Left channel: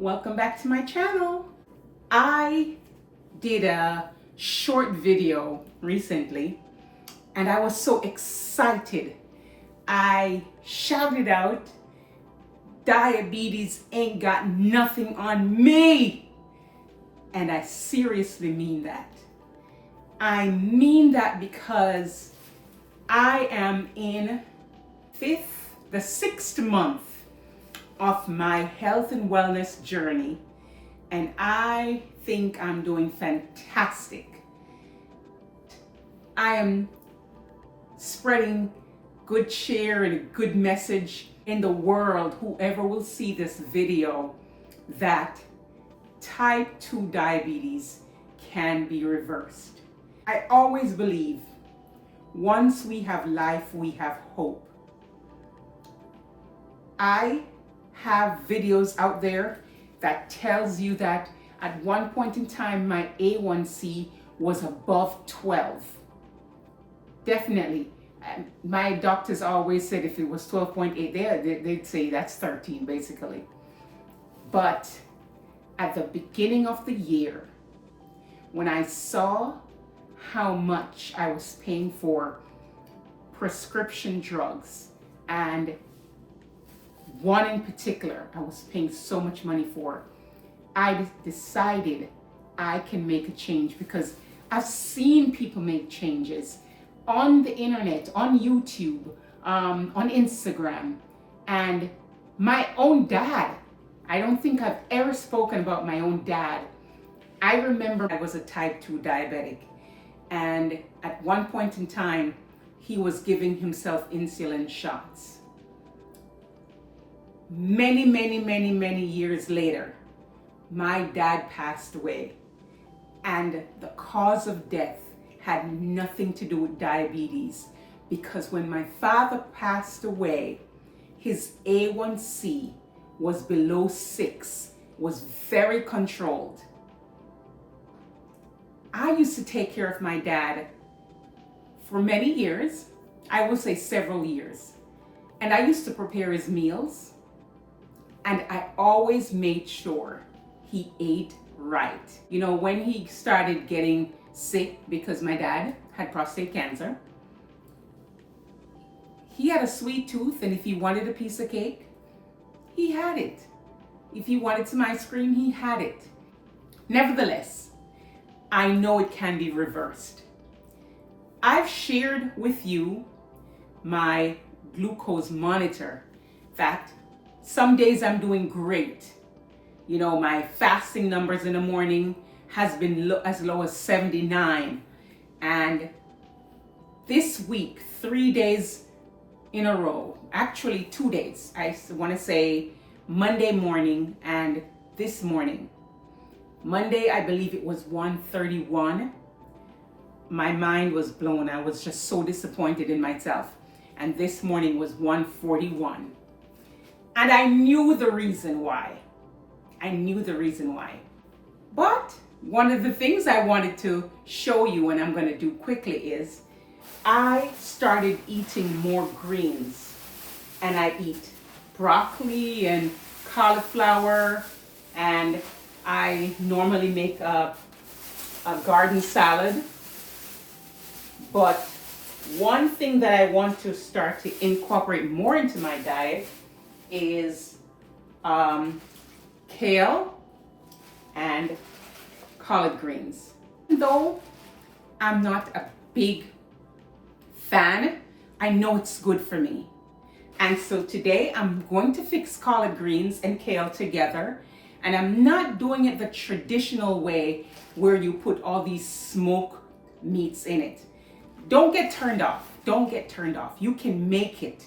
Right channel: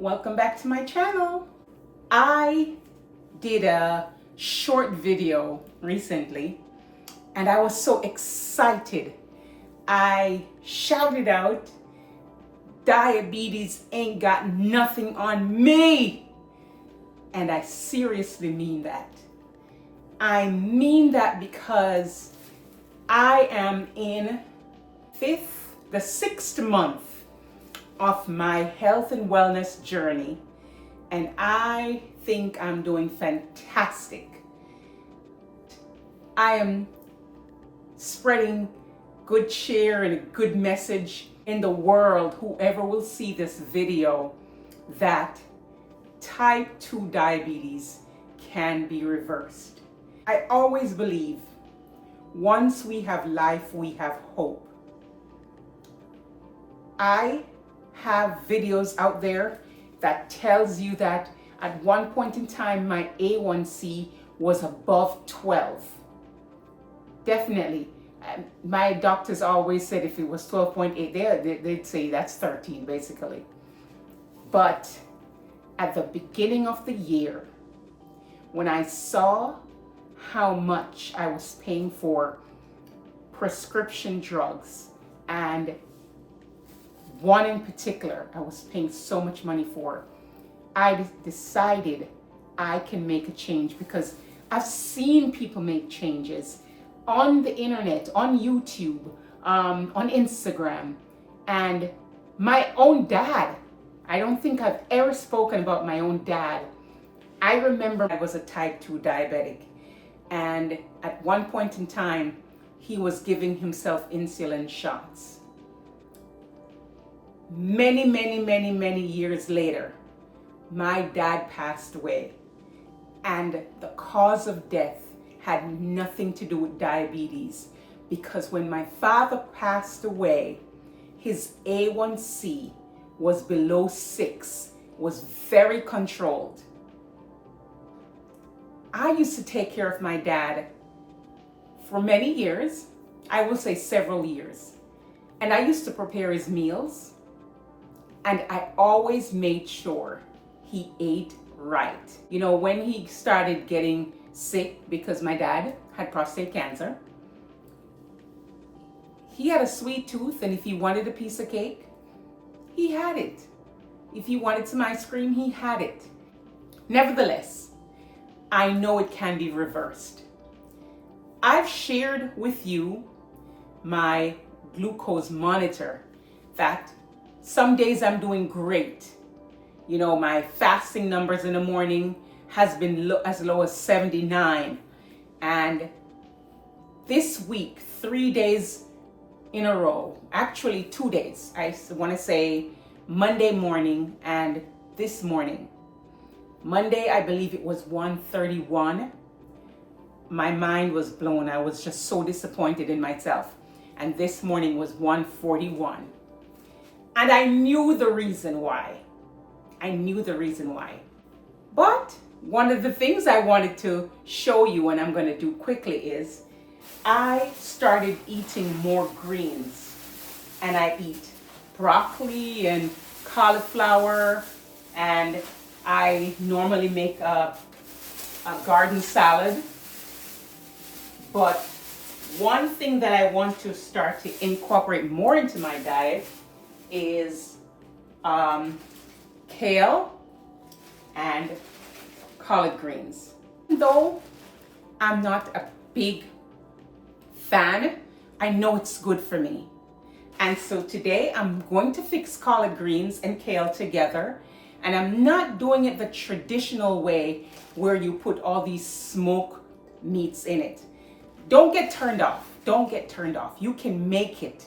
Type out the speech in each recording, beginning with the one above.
Welcome back to my channel. I did a short video recently and I was so excited. I shouted out, "Diabetes ain't got nothing on me." And I seriously mean that. I mean that because I am in the sixth month of my health and wellness journey, and I think I'm doing fantastic. I am spreading good cheer and a good message in the world, whoever will see this video, that type 2 diabetes can be reversed. I always believe once we have life, we have hope. I have videos out there that tells you that at one point in time my A1C was above 12. Definitely. My doctors always said if it was 12.8, they'd say that's 13 basically. But at the beginning of the year, when I saw how much I was paying for prescription drugs, and one in particular I was paying so much money for, I decided I can make a change, because I've seen people make changes on the internet, on YouTube, on Instagram, and my own dad. I don't think I've ever spoken about my own dad. I remember I was a type 2 diabetic, and at one point in time, he was giving himself insulin shots. Many years later, my dad passed away, and the cause of death had nothing to do with diabetes, because when my father passed away, his A1C was below 6, was very controlled. I used to take care of my dad for many years, I will say several years, and I used to prepare his meals. And I always made sure he ate right. You know, when he started getting sick, because my dad had prostate cancer, he had a sweet tooth, and if he wanted a piece of cake, he had it. If he wanted some ice cream, he had it. Nevertheless, I know it can be reversed. I've shared with you my glucose monitor, that some days I'm doing great. You know, my fasting numbers in the morning has been as low as 79. And this week, 3 days in a row, actually 2 days, I want to say Monday morning and this morning. Monday, I believe it was 131. My mind was blown. I was just so disappointed in myself. And this morning was 141. And I knew the reason why. But one of the things I wanted to show you, and I'm going to do quickly, is I started eating more greens. And I eat broccoli and cauliflower, and I normally make a garden salad. But one thing that I want to start to incorporate more into my diet is kale and collard greens. Though I'm not a big fan, I know it's good for me. And so today I'm going to fix collard greens and kale together, and I'm not doing it the traditional way where you put all these smoked meats in it. Don't get turned off. You can make it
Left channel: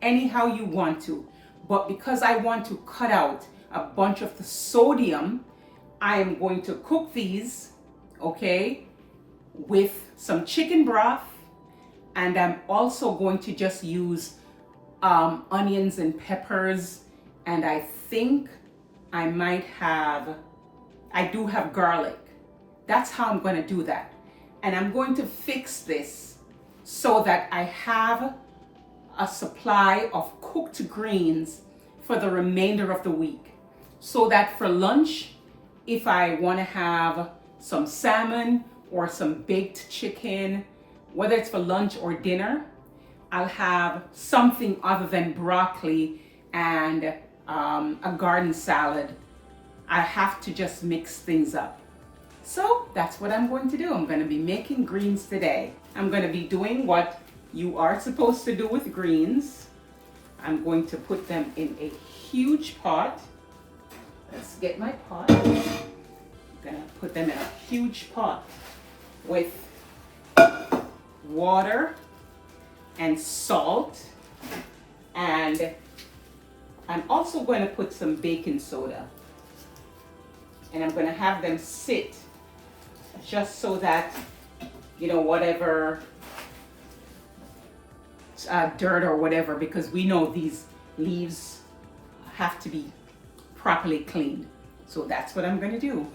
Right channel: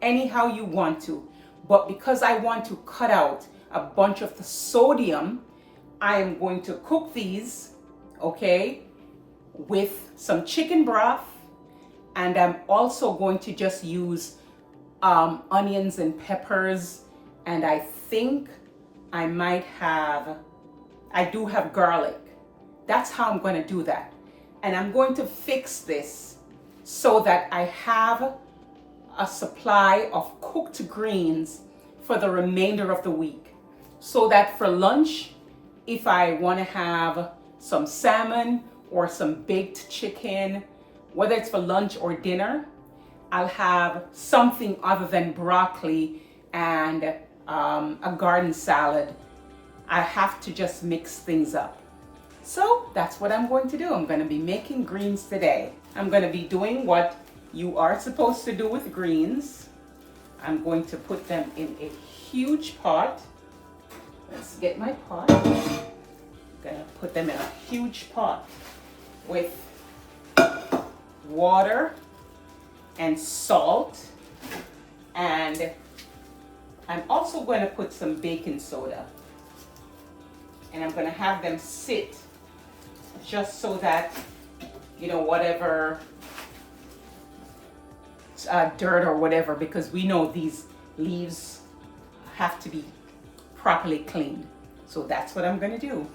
anyhow you want to. But because I want to cut out a bunch of the sodium, I am going to cook these, okay, with some chicken broth. And I'm also going to just use onions and peppers. And I think I do have garlic. That's how I'm going to do that. And I'm going to fix this so that I have a supply of cooked greens for the remainder of the week. so that for lunch, if I want to have some salmon or some baked chicken, whether it's for lunch or dinner, I'll have something other than broccoli and a garden salad. I have to just mix things up. So that's what I'm going to do. I'm going to be making greens today. I'm going to be doing what you are supposed to do with greens. I'm going to put them in a huge pot. Let's get my pot. I'm going to put them in a huge pot with water and salt, and I'm also going to put some baking soda, and I'm going to have them sit just so that, you know, whatever dirt or whatever, because we know these leaves have to be properly cleaned. So that's what I'm going to do.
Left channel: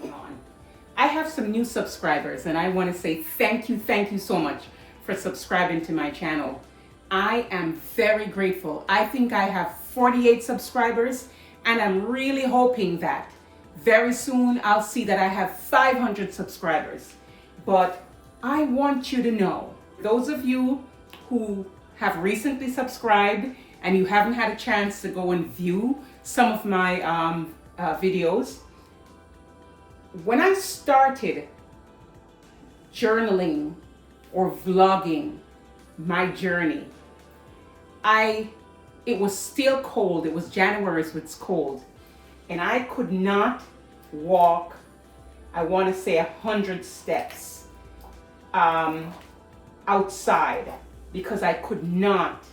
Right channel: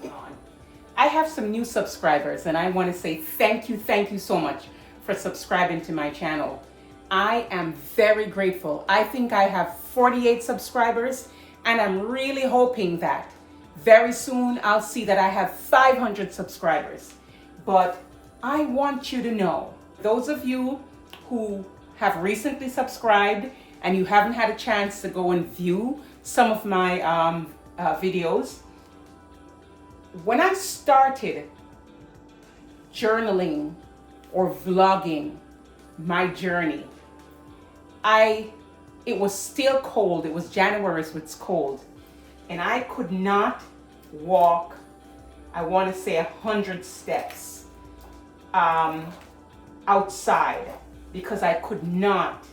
I have some new subscribers, and I want to say thank you so much for subscribing to my channel. I am very grateful. I think I have 48 subscribers, and I'm really hoping that very soon I'll see that I have 500 subscribers. But I want you to know, those of you who have recently subscribed and you haven't had a chance to go and view some of my videos, when I started journaling or vlogging my journey, it was still cold. It was January, so it's cold. And I could not walk, I want to say 100 steps outside, because I could not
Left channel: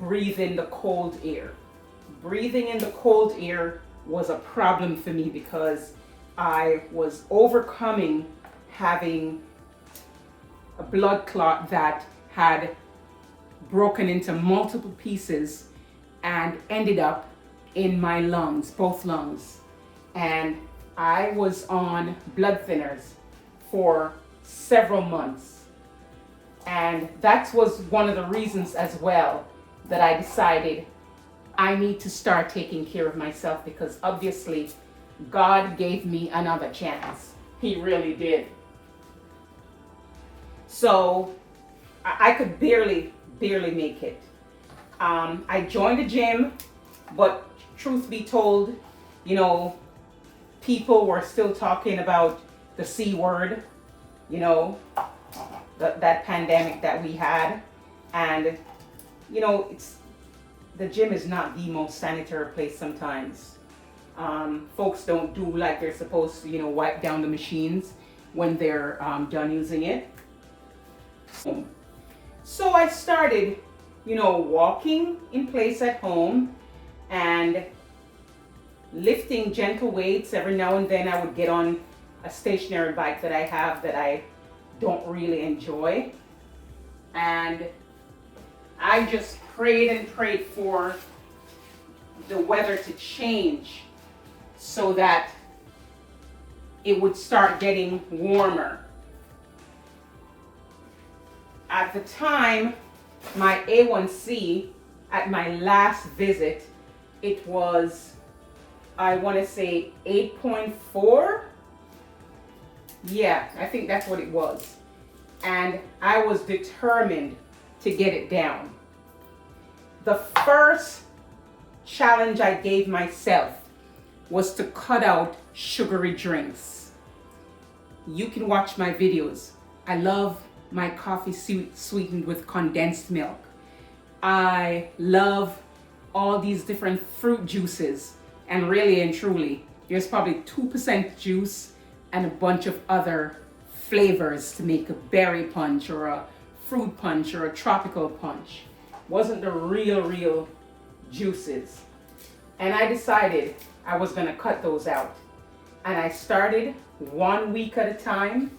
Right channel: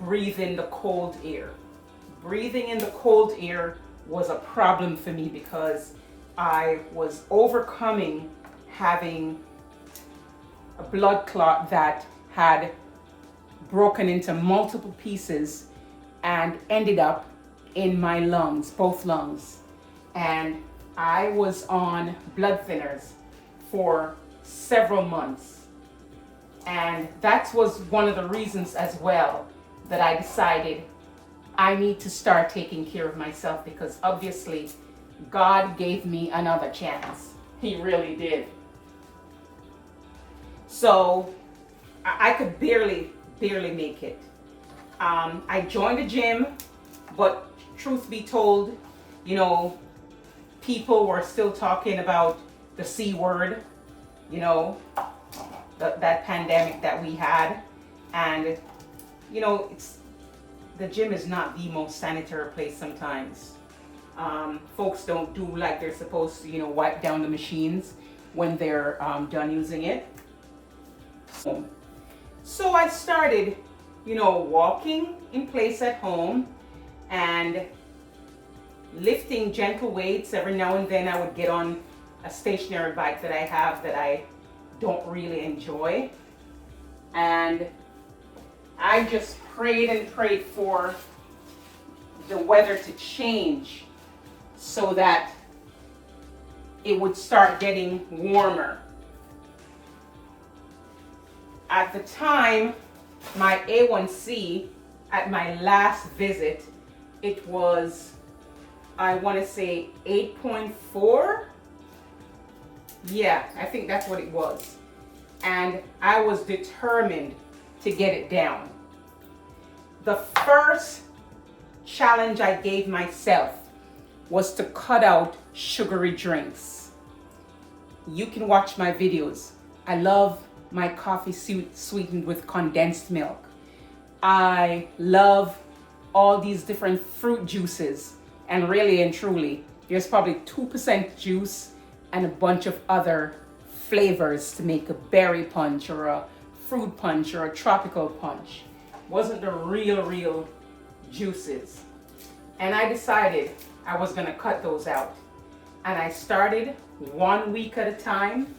breathe in the cold air. Breathing in the cold air was a problem for me because I was overcoming having a blood clot that had broken into multiple pieces and ended up in my lungs, both lungs. And I was on blood thinners for several months. And that was one of the reasons as well that I decided I need to start taking care of myself, because obviously God gave me another chance. He really did. So I could barely make it. I joined the gym, but truth be told, you know, people were still talking about the C word, you know, that pandemic that we had. And, you know, the gym is not the most sanitary place sometimes. Folks don't do like they're supposed to, you know, wipe down the machines when they're done using it. So I started, you know, walking in place at home and lifting gentle weights. Every now and then I would get on a stationary bike that I have that I don't really enjoy. And I just prayed and prayed for the weather to change so that it would start getting warmer. At the time, my A1C at my last visit, it was, I want to say 8.4. Yeah, I think that's what it was. And I was determined to get it down. The first challenge I gave myself was to cut out sugary drinks. You can watch my videos. I love my coffee sweetened with condensed milk. I love all these different fruit juices, and really and truly, there's probably 2% juice and a bunch of other flavors to make a berry punch or a fruit punch or a tropical punch. Wasn't the real juices. And I decided I was gonna cut those out. And I started 1 week at a time.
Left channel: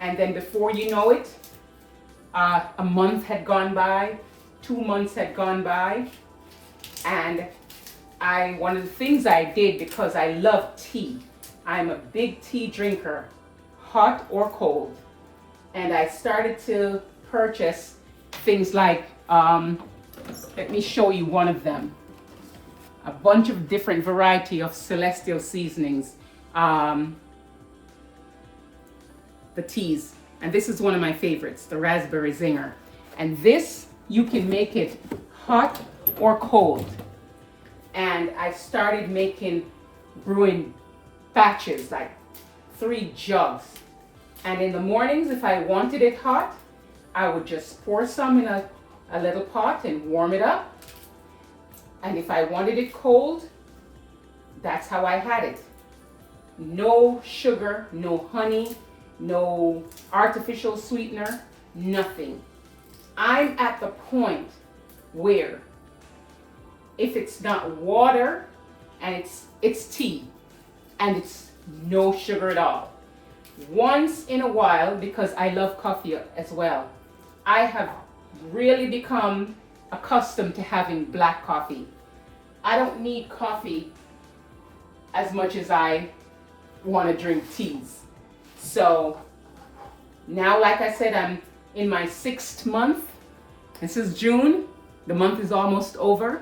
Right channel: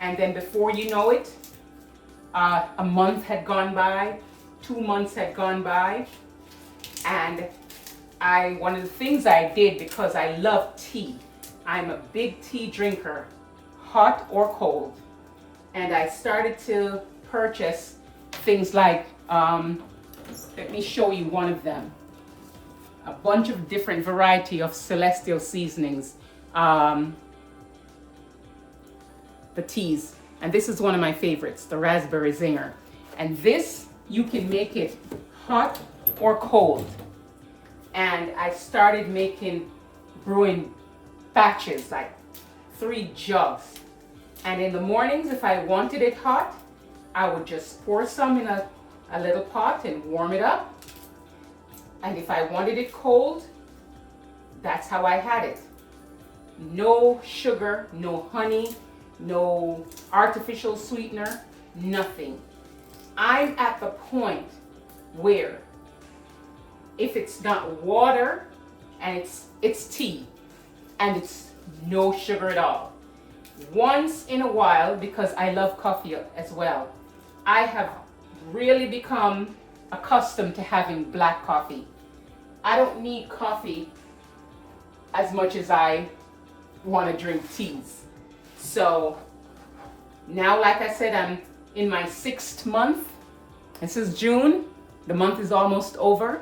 And then before you know it, a month had gone by, 2 months had gone by. And one of the things I did, because I love tea, I'm a big tea drinker, hot or cold. And I started to purchase things like, let me show you one of them. a bunch of different variety of celestial seasonings, the teas. And this is one of my favorites, the raspberry zinger. And this, you can make it hot or cold. And I started brewing batches, like 3 jugs. And in the mornings, if I wanted it hot, I would just pour some in a little pot and warm it up. And if I wanted it cold, that's how I had it. No sugar, no honey, no artificial sweetener, nothing. I'm at the point where if it's not water and it's tea and it's no sugar at all, once in a while, because I love coffee as well, I have really become accustomed to having black coffee. I don't need coffee as much as I want to drink teas. So now, like I said, I'm in my 6th month. This is June. The month is almost over.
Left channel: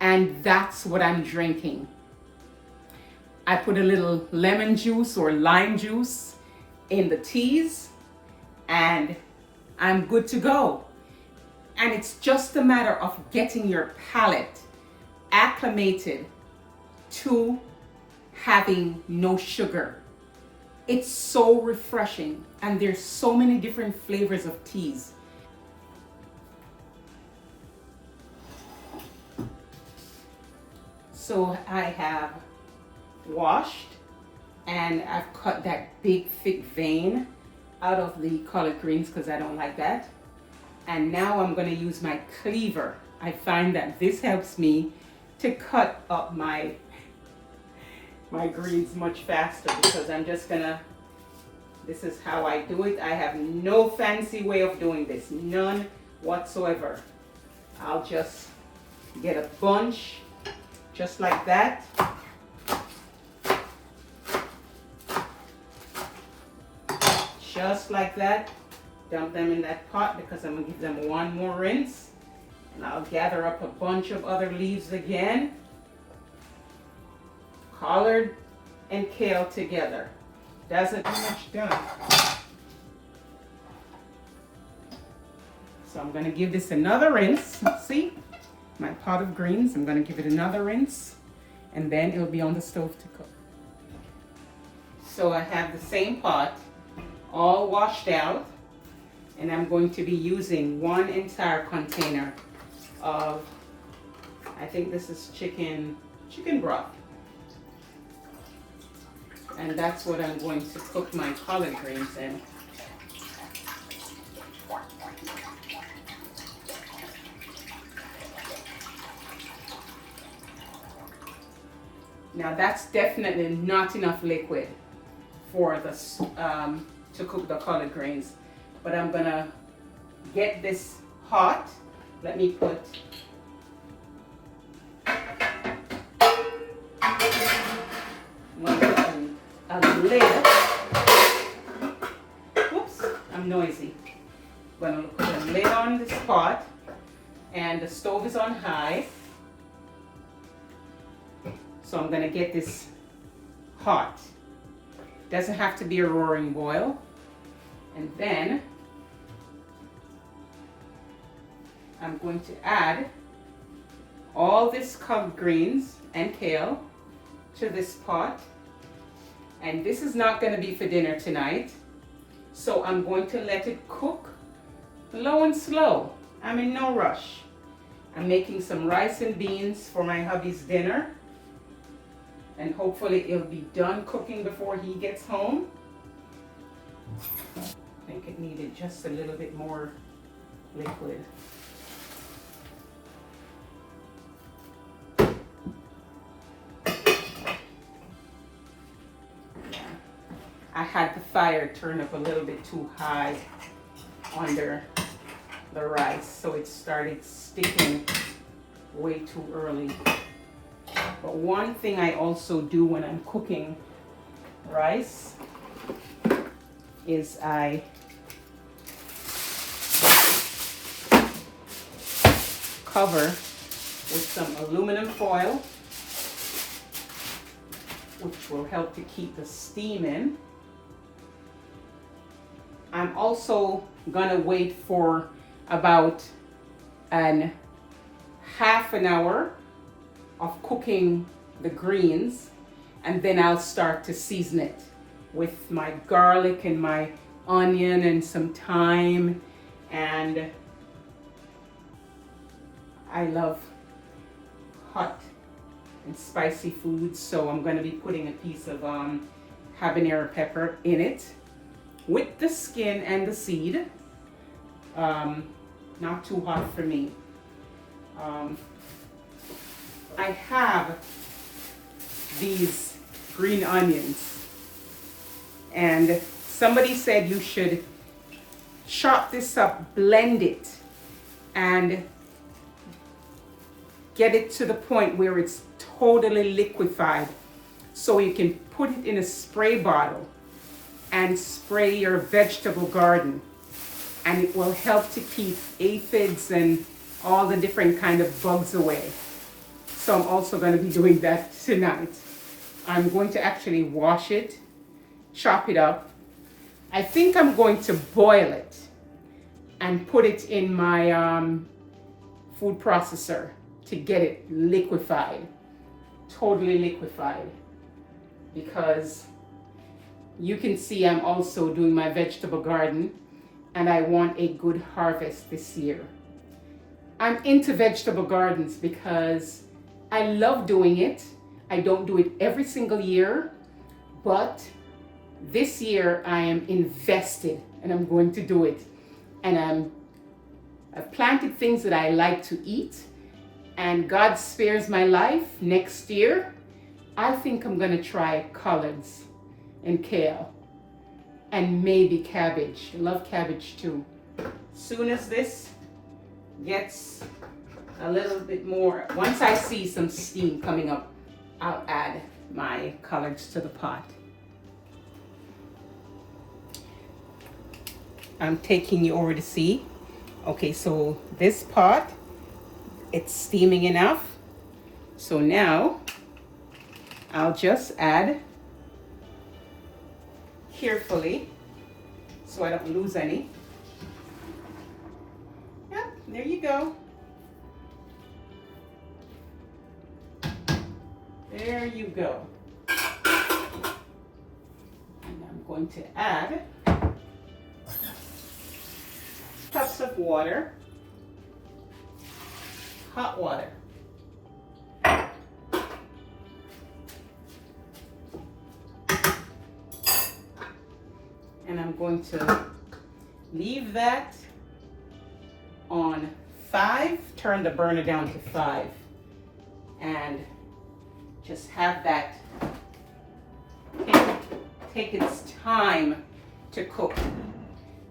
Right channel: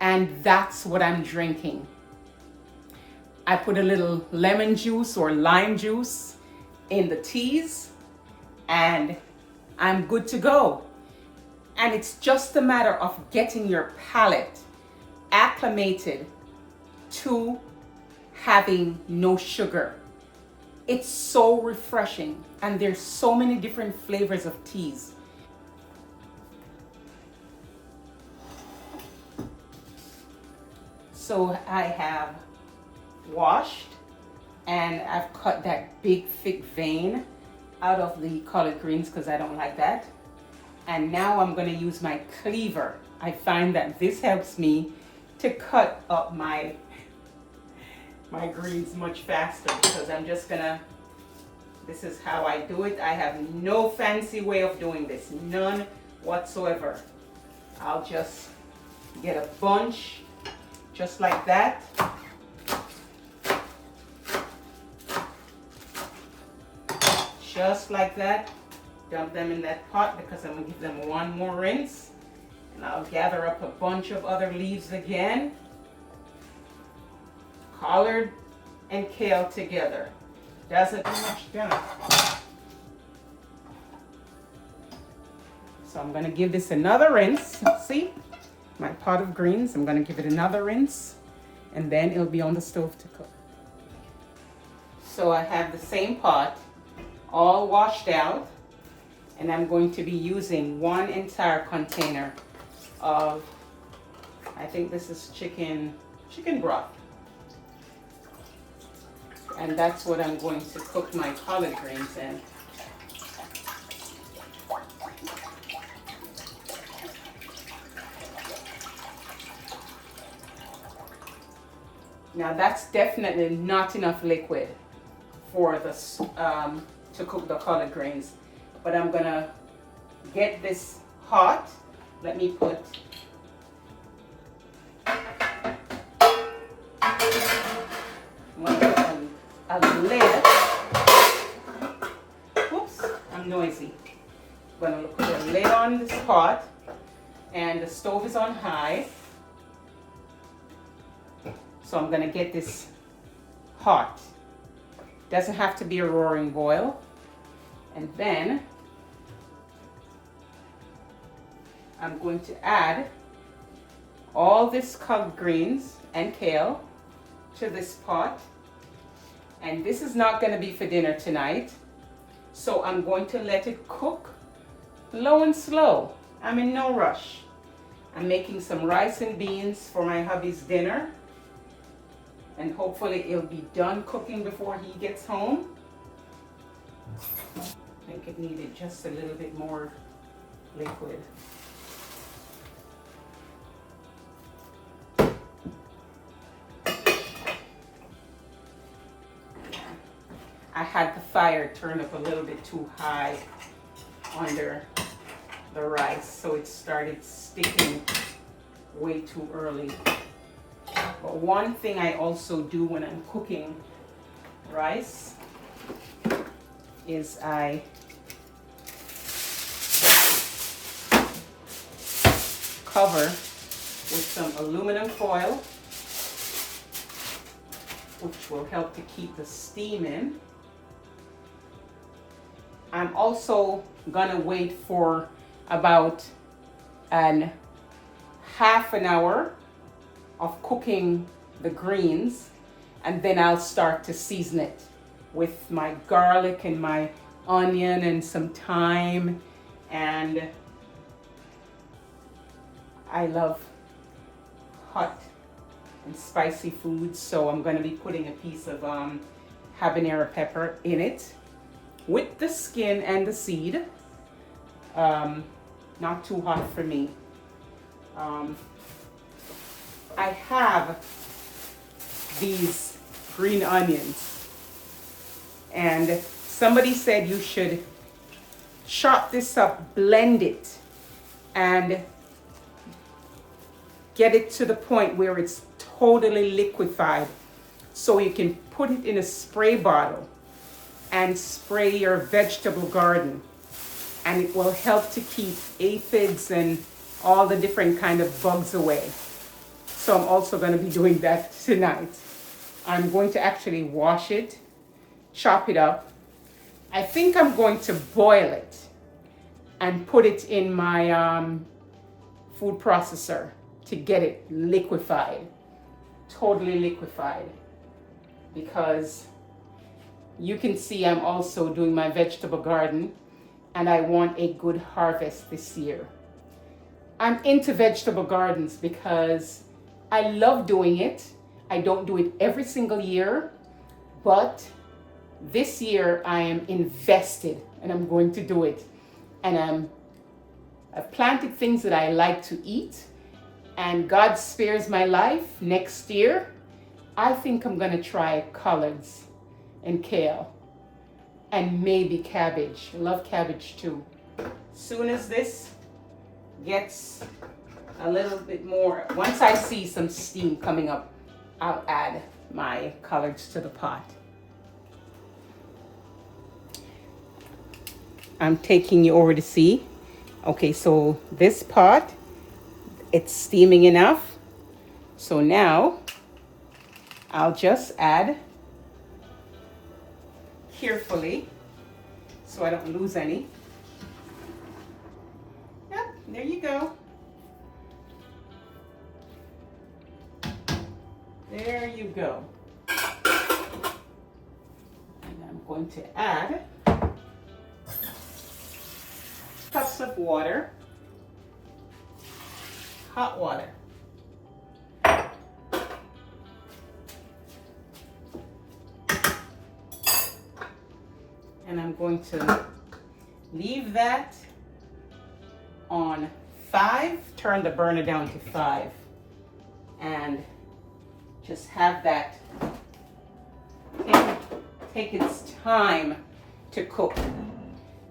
And that's what I'm drinking. I put a little lemon juice or lime juice in the teas, and I'm good to go. And it's just a matter of getting your palate acclimated to having no sugar. It's so refreshing, and there's so many different flavors of teas. So I have washed and I've cut that big thick vein out of the collard greens because I don't like that. And now I'm going to use my cleaver. I find that this helps me to cut up my greens much faster, because I'm just gonna, this is how I do it. I have no fancy way of doing this, none whatsoever. I'll just get a bunch just like that. Just like that. Dump them in that pot because I'm gonna give them one more rinse. And I'll gather up a bunch of other leaves again. Collard and kale together. Doesn't do much done. So I'm gonna give this another rinse. See? My pot of greens, I'm gonna give it another rinse, and then it'll be on the stove to cook. So I have the same pot all washed out, and I'm going to be using one entire container of, I think this is chicken broth. And that's what I'm going to cook my collard greens in. Now that's definitely not enough liquid for this to cook the collard greens, but I'm gonna get this hot. Let me put a lid. Oops, I'm noisy. I'm gonna put a lid on this pot, and the stove is on high. So I'm gonna get this hot. Doesn't have to be a roaring boil. And then I'm going to add all this collard greens and kale to this pot. And this is not gonna be for dinner tonight. So I'm going to let it cook low and slow. I'm in no rush. I'm making some rice and beans for my hubby's dinner. And hopefully it'll be done cooking before he gets home. I think it needed just a little bit more liquid. I had the fire turned up a little bit too high under the rice, so it started sticking way too early. But one thing I also do when I'm cooking rice is I cover with some aluminum foil, which will help to keep the steam in. I'm also gonna wait for about half an hour of cooking the greens, and then I'll start to season it with my garlic and my onion and some thyme. And I love hot and spicy foods, so I'm going to be putting a piece of habanero pepper in it with the skin and the seed. Not too hot for me. I have these green onions, and somebody said you should chop this up, blend it, and get it to the point where it's totally liquefied, so you can put it in a spray bottle and spray your vegetable garden, and it will help to keep aphids and all the different kind of bugs away. So I'm also going to be doing that tonight. I'm going to actually wash it, chop it up. I think I'm going to boil it and put it in my food processor to get it liquefied, totally liquefied, because you can see I'm also doing my vegetable garden and I want a good harvest this year. I'm into vegetable gardens because I love doing it. I don't do it every single year, but this year I am invested and I'm going to do it. And I've planted things that I like to eat, and God spares my life. Next year, I think I'm gonna try collards and kale and maybe cabbage. I love cabbage too. Soon as this gets a little bit more, once I see some steam coming up, I'll add my collards to the pot. I'm taking you over to see. Okay, so this pot, it's steaming enough. So now I'll just add carefully so I don't lose any. Yep, there you go. There you go. And I'm going to add cups of water, hot water. And I'm going to leave that on 5, turn the burner down to 5, and just have that take its time to cook.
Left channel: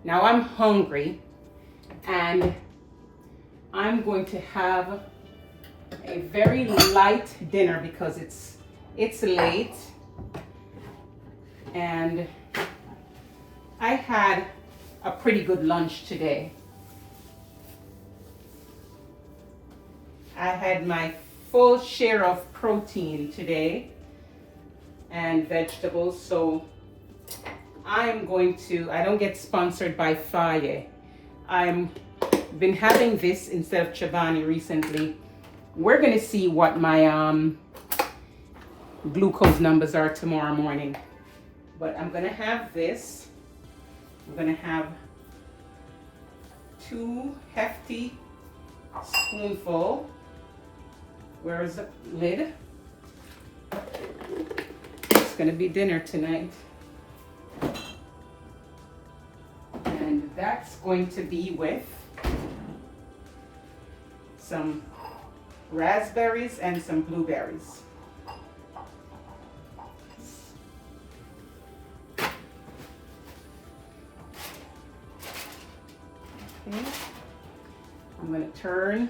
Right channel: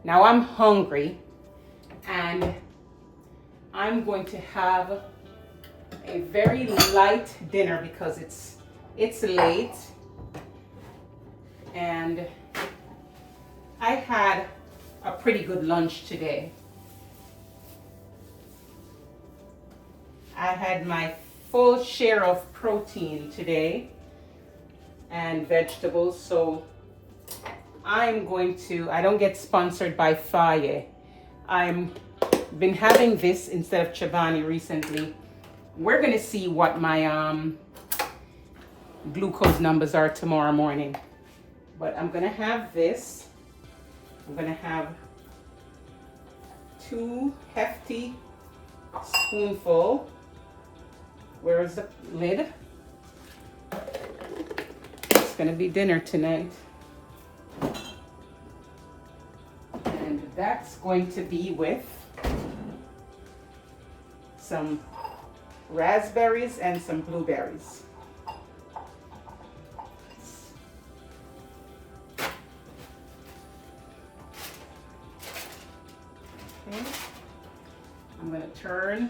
Now I'm hungry, and I'm going to have a very light dinner because it's late, and I had a pretty good lunch today. I had my full share of protein today and vegetables, so I'm going to, I don't get sponsored by Faye. I've been having this instead of Chobani recently. We're going to see what my glucose numbers are tomorrow morning. But I'm going to have this. I'm going to have 2 hefty spoonful. Where's the lid? It's going to be dinner tonight. And that's going to be with some raspberries and some blueberries. Okay. I'm going to turn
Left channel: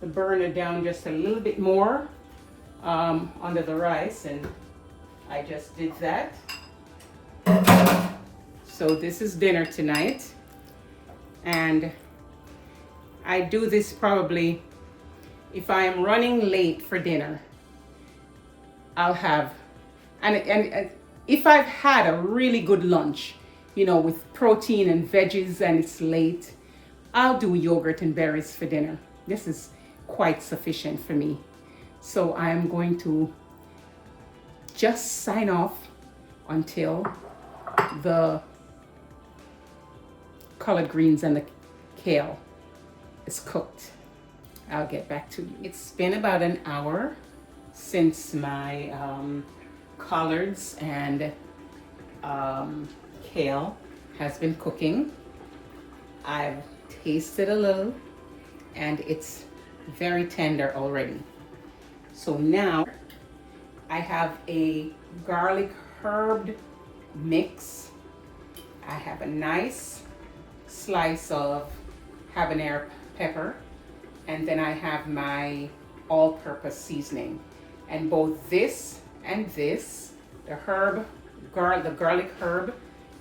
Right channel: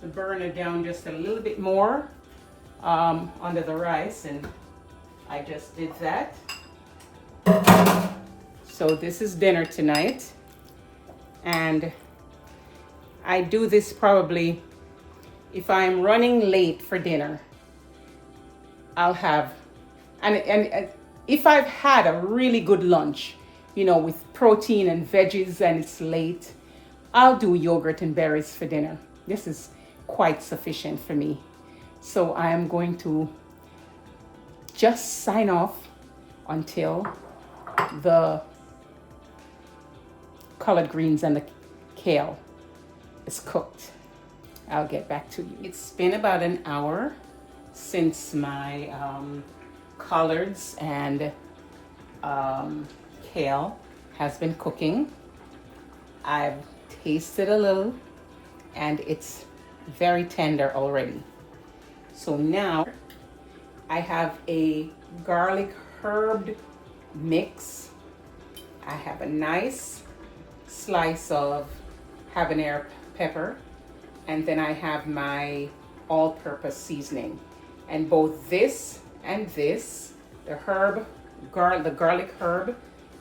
the burner down just a little bit more under the rice, and I just did that. So this is dinner tonight, and I do this probably if I am running late for dinner, I'll have, and if I've had a really good lunch, with protein and veggies and it's late, I'll do yogurt and berries for dinner. This is quite sufficient for me. So I am going to just sign off until the collard greens and the kale is cooked. I'll get back to you. It's been about an hour since my collards and kale has been cooking. I've tasted a little and it's very tender already. So now I have a garlic herb mix. I have a nice slice of habanero pepper, and then I have my all-purpose seasoning. And both this and this, the garlic herb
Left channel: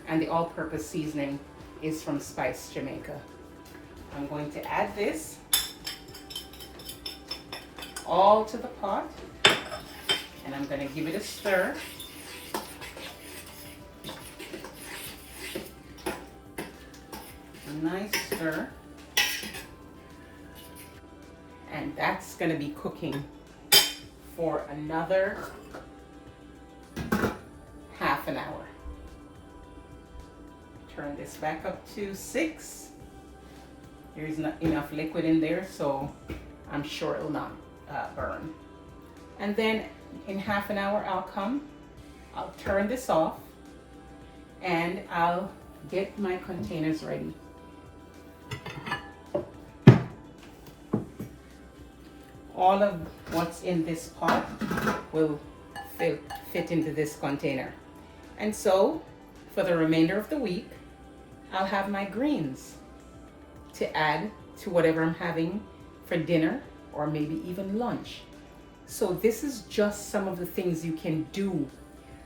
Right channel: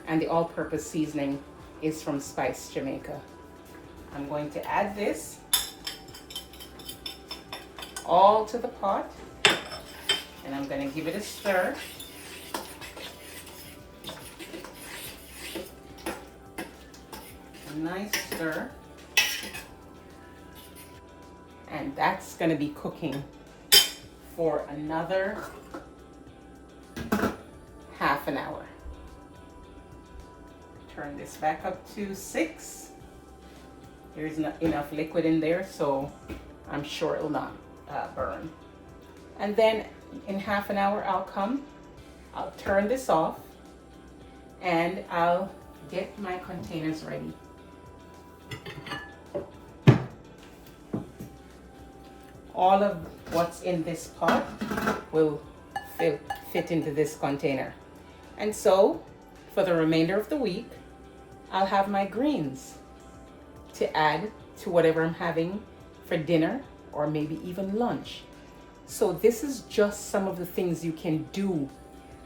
and the all-purpose seasoning is from Spice Jamaica. I'm going to add this all to the pot, and I'm going to give it a stir. A nice stir. And that's going to be cooking for another half an hour. Turn this back up to 6. There's not enough liquid in there, so I'm sure it'll not burn. And then in half an hour I'll turn this off and I'll get my containers ready. All of what's in this pot will fit into this container. And so for the remainder of the week, I'll have my greens to add to whatever I'm having for dinner or maybe even lunch. So this is just some of the things you can do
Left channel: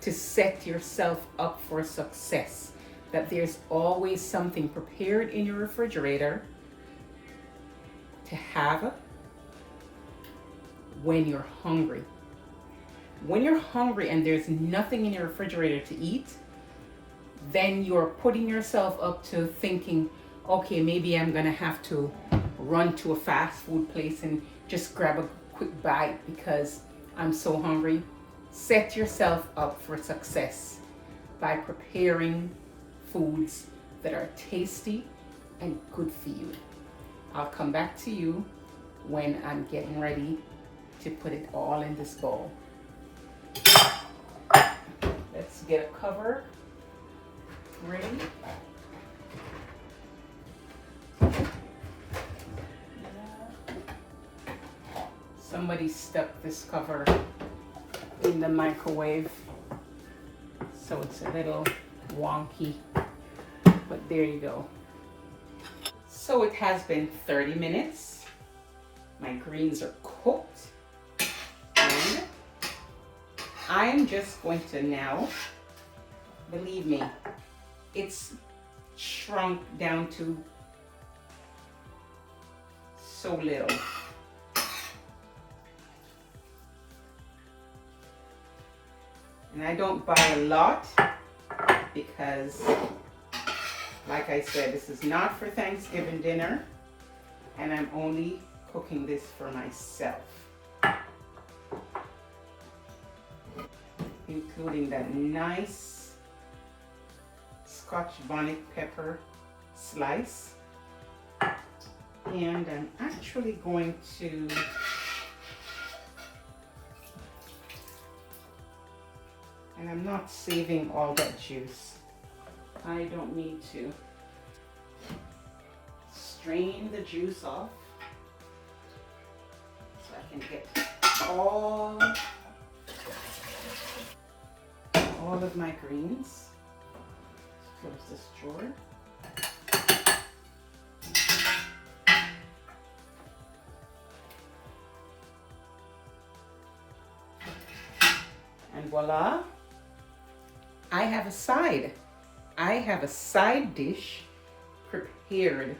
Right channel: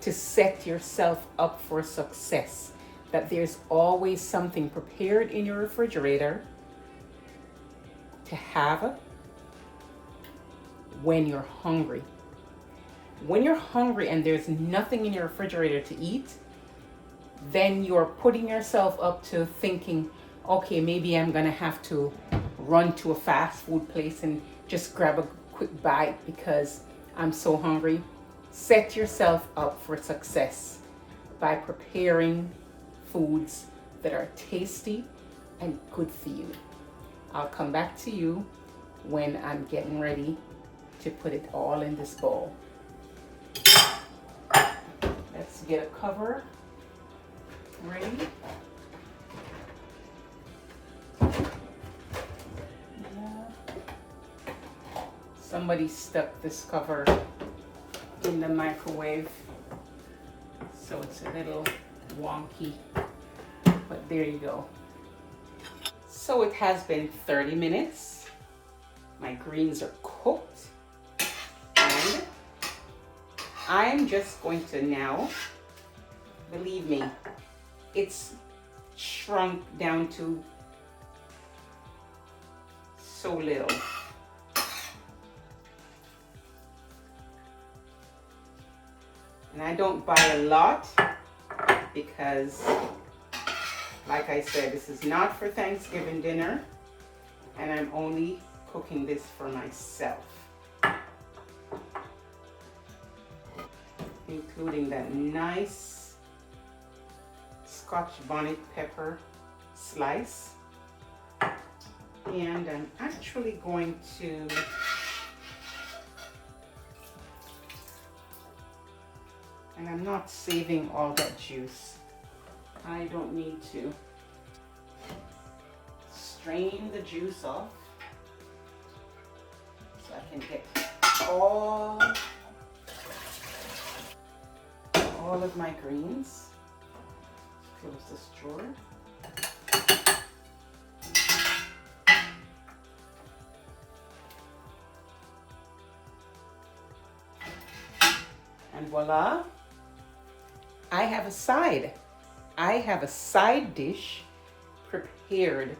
to set yourself up for success. That there's always something prepared in your refrigerator to have when you're hungry. When you're hungry and there's nothing in your refrigerator to eat, then you're putting yourself up to thinking, okay, maybe I'm gonna have to run to a fast food place and just grab a quick bite because I'm so hungry. Set yourself up for success by preparing foods that are tasty and good for you. I'll come back to you when I'm getting ready to put it all in this bowl. Let's get a cover ready. Somebody stuck this cover in the microwave, so it's a little wonky, but there you go. So it has been 30 minutes. My greens are cooked, and I am just going to now, believe me, it's shrunk down to so little. And I don't buy a lot because, like I said, this is not for Thanksgiving dinner, and I'm only cooking this for myself. Including that nice Scotch bonnet pepper slice. And I'm actually going to and I'm not saving all that juice. I don't need to. Strain the juice off so I can get all of my greens. Close this drawer. And voila, I have a side. I have a side dish prepared.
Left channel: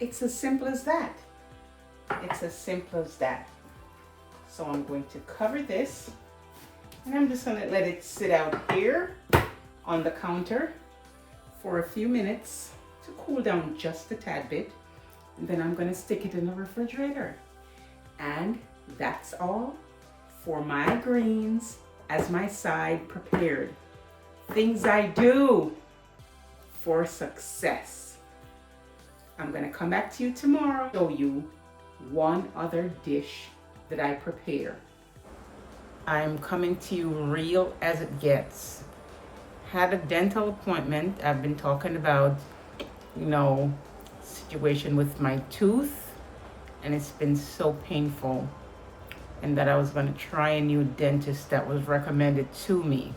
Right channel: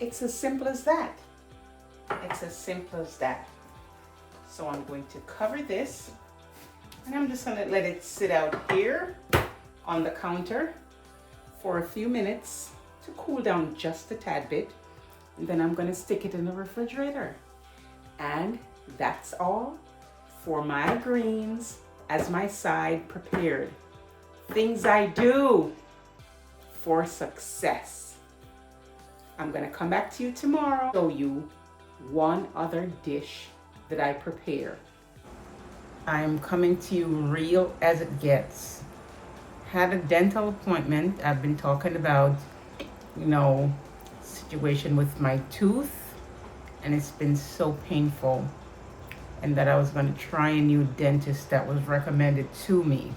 It's as simple as that. It's as simple as that. So I'm going to cover this, and I'm just going to let it sit out here on the counter for a few minutes to cool down just a tad bit. And then I'm going to stick it in the refrigerator. And that's all for my greens as my side prepared. Things I do for success. I'm going to come back to you tomorrow, show you one other dish that I prepare. I'm coming to you real as it gets. Had a dental appointment. I've been talking about, situation with my tooth, and it's been so painful, and that I was going to try a new dentist that was recommended to me.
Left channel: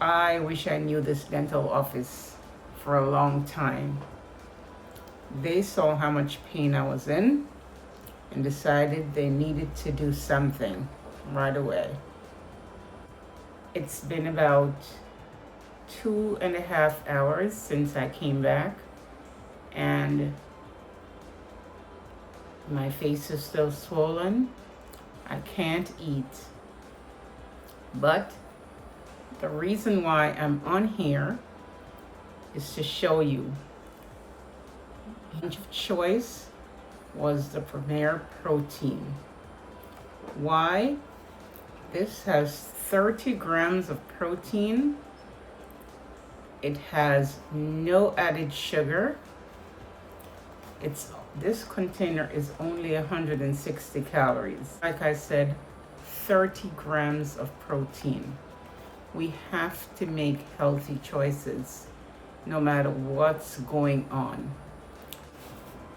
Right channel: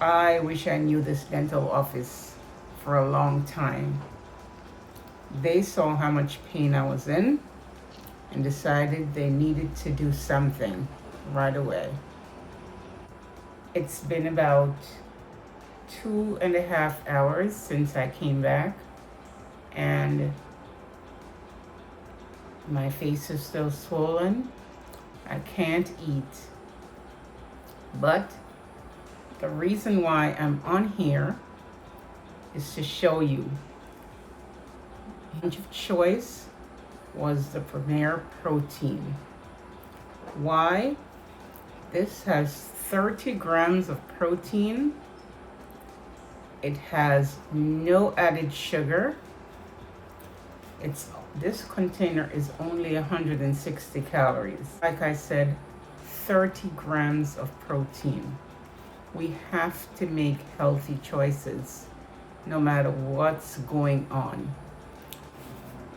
I wish I knew this dental office for a long time. They saw how much pain I was in and decided they needed to do something right away. It's been about 2.5 hours since I came back, and my face is still swollen. I can't eat. But the reason why I'm on here is to show you. Of choice was the Premier Protein. Why? This has 30 grams of protein. It has no added sugar. This container is only 160 calories. Like I said, 30 grams of protein. We have to make healthy choices no matter what's going on.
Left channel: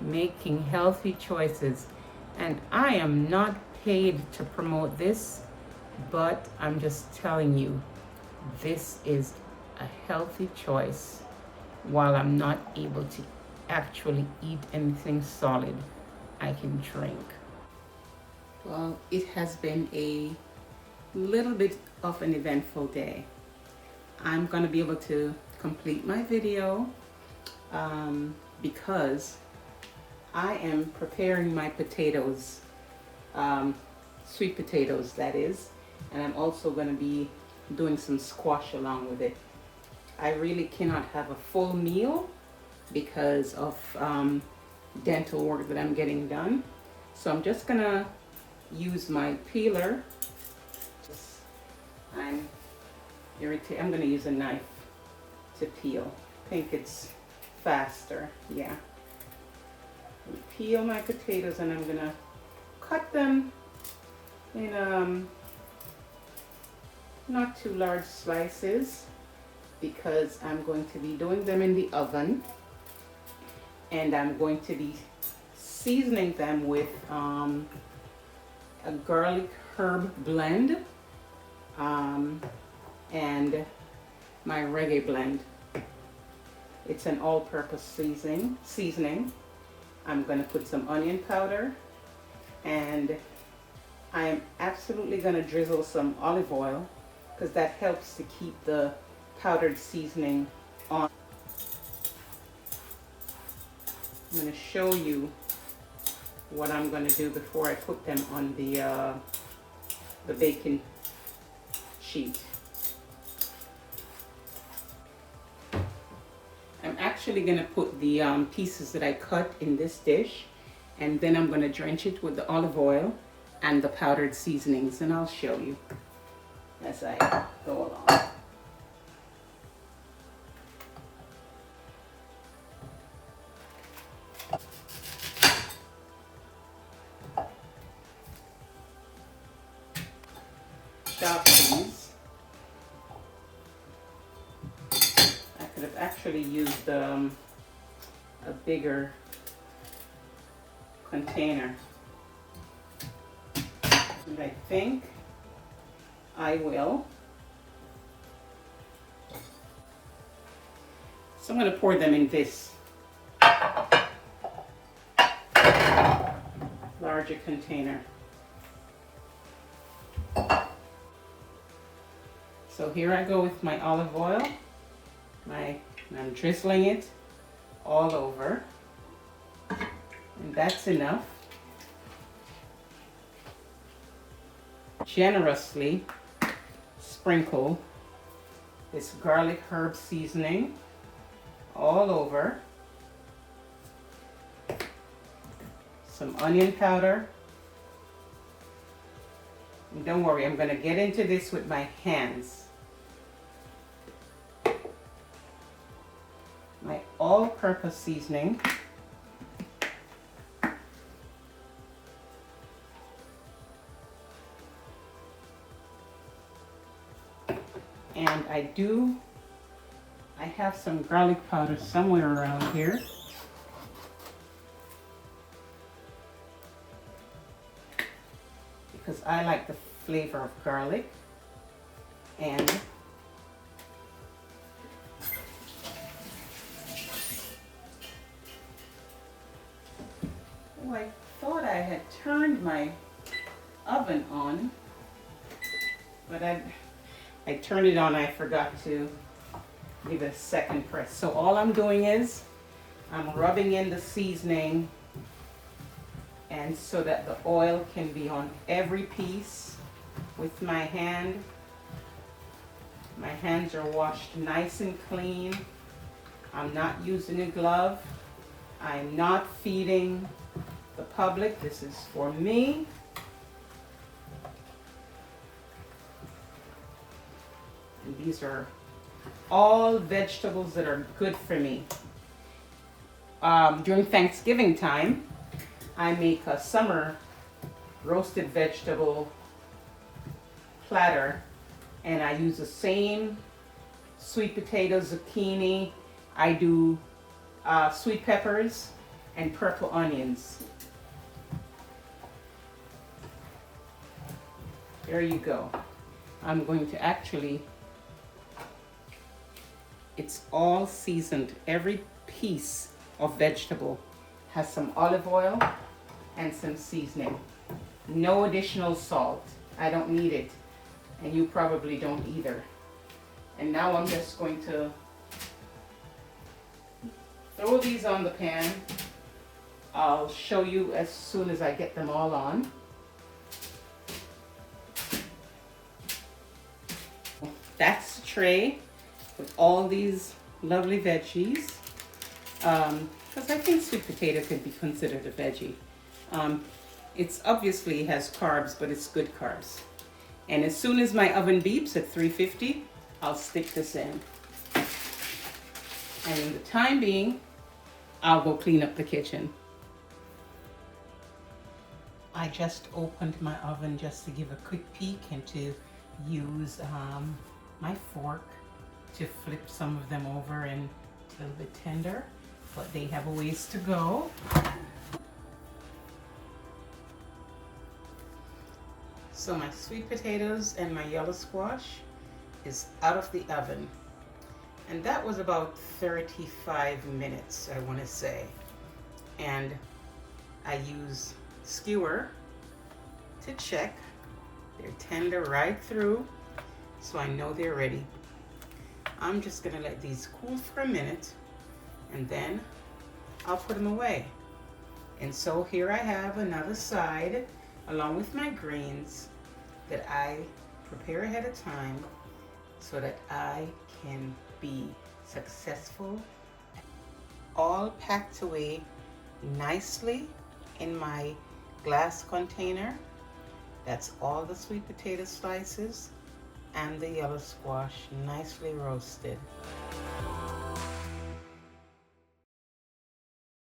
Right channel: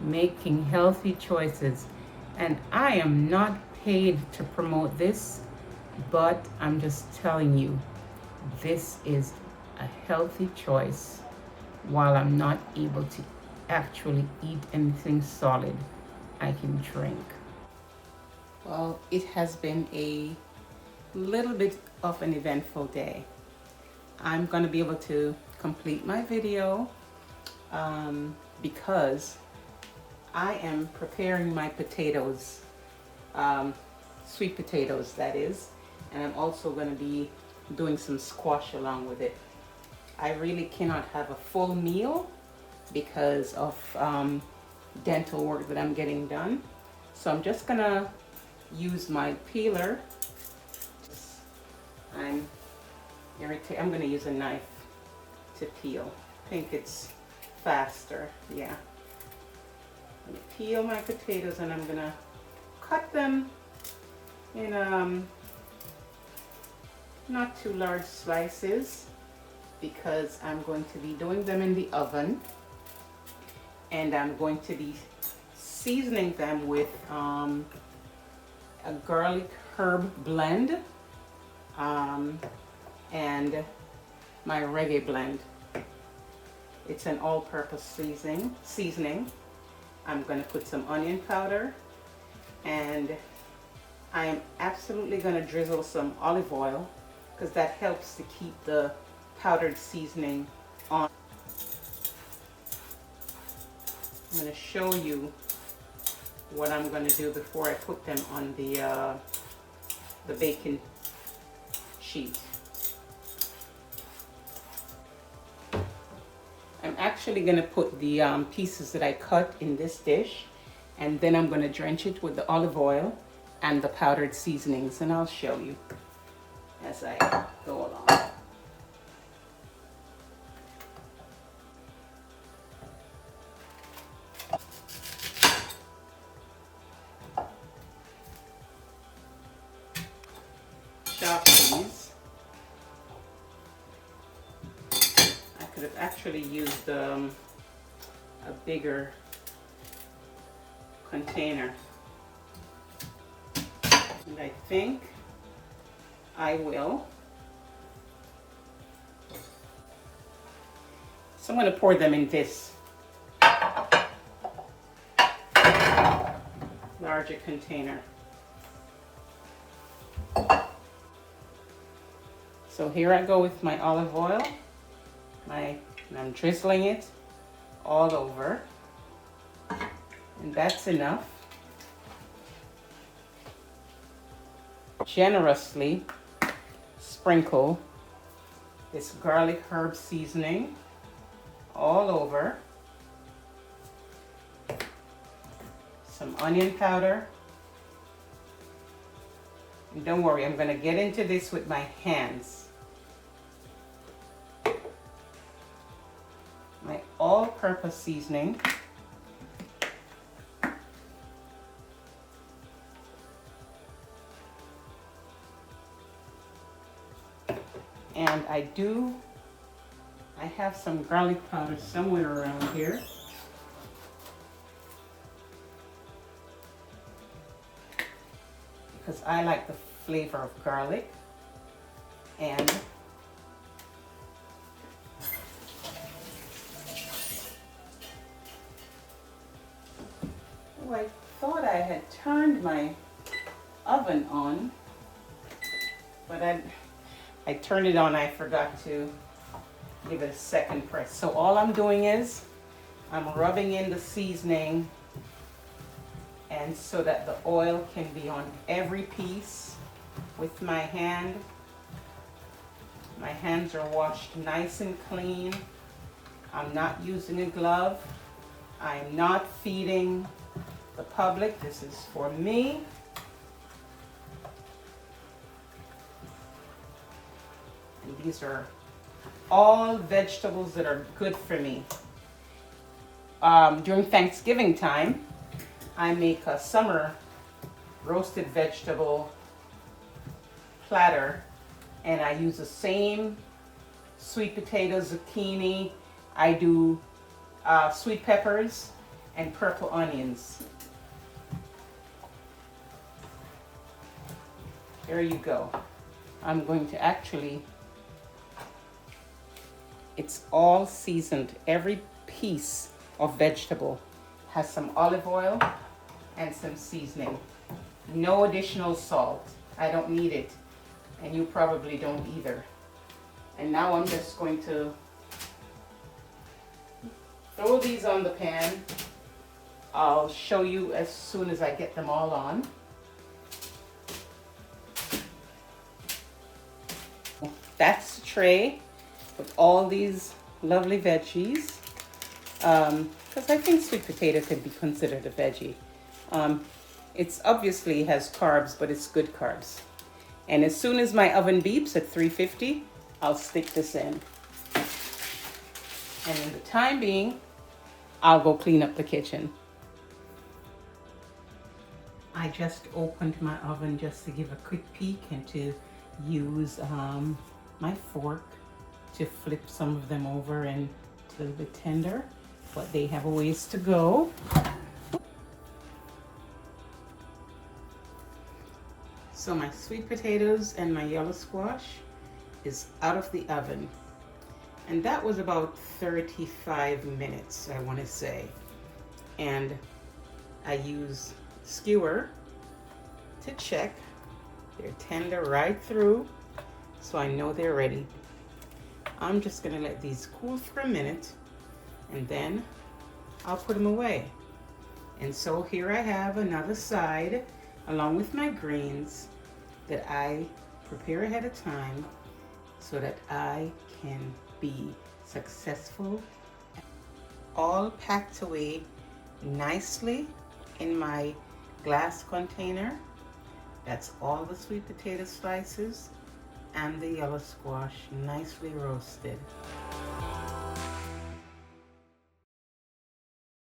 Making healthy choices. And I am not paid to promote this, but I'm just telling you, this is a healthy choice while I'm not able to actually eat anything solid. I can drink. Well, it has been a little bit of an eventful day. I'm going to be able to complete my video because I am preparing my potatoes, sweet potatoes that is, and I'm also going to be doing some squash along with it. I really cannot have a full meal because of dental work that I'm getting done. So I'm just gonna use my peeler. I'm gonna use a knife to peel. I think it's faster, yeah. I'm gonna peel my potatoes, and I'm gonna cut them in not too large slices because I'm going to be doing them in the oven. And I'm going to be seasoning them with a garlic herb blend and my reggae blend. It's an all-purpose seasoning. I'm going to put some onion powder, and I am absolutely going to drizzle some olive oil because that helps to keep the powdered seasoning on. I'm going to show you what I'm going to do before I put them on the baking sheet. I'm actually going to put the pieces that I cut in this dish, and then I'm going to drench it with the olive oil and the powdered seasonings, and I'll show you as I go along. Chop these. I could have actually used a bigger container, and I think I will. So I'm going to pour them in this larger container. So here I go with my olive oil, and I'm drizzling it all over. And that's enough. Generously sprinkle this garlic herb seasoning all over. Some onion powder. And don't worry, I'm going to get into this with my hands. My all-purpose seasoning. And I have some garlic powder somewhere around here. Because I like the flavor of garlic. And oh, I thought I had turned my oven on, but I turned it on, I forgot to give it a second press. So all I'm doing is I'm rubbing in the seasoning, and so that the oil can be on every piece with my hand. My hands are washed nice and clean. I'm not using a glove. I'm not feeding the public. This is for me. And these are all vegetables that are good for me. During Thanksgiving time, I make a summer roasted vegetable platter, and I use the same sweet potatoes, zucchini. I do sweet peppers and purple onions. There you go. I'm going to actually, it's all seasoned. Every piece of vegetable has some olive oil and some seasoning. No additional salt. I don't need it. And you probably don't either. And now I'm just going to throw these on the pan. I'll show you as soon as I get them all on. That's the tray with all these lovely veggies. Because I think sweet potato could be considered a veggie. It's obviously has carbs, but it's good carbs. And as soon as my oven beeps at 350, I'll stick this in. And in the time being, I'll go clean up the kitchen. I just opened my oven just to give a quick peek and to use my fork to flip some of them over and a little bit tender, but they have a ways to go. So my sweet potatoes and my yellow squash is out of the oven. And that was about 35 minutes, I want to say. And I use skewer to check. They're tender right through, so I know they're ready. I'm just gonna let these cool for a minute, and then I'll put them away. And so here I have another side along with my greens that I prepare ahead of time so that I can be successful. All packed away nicely in my glass container. That's all the sweet potato slices and the yellow squash nicely roasted.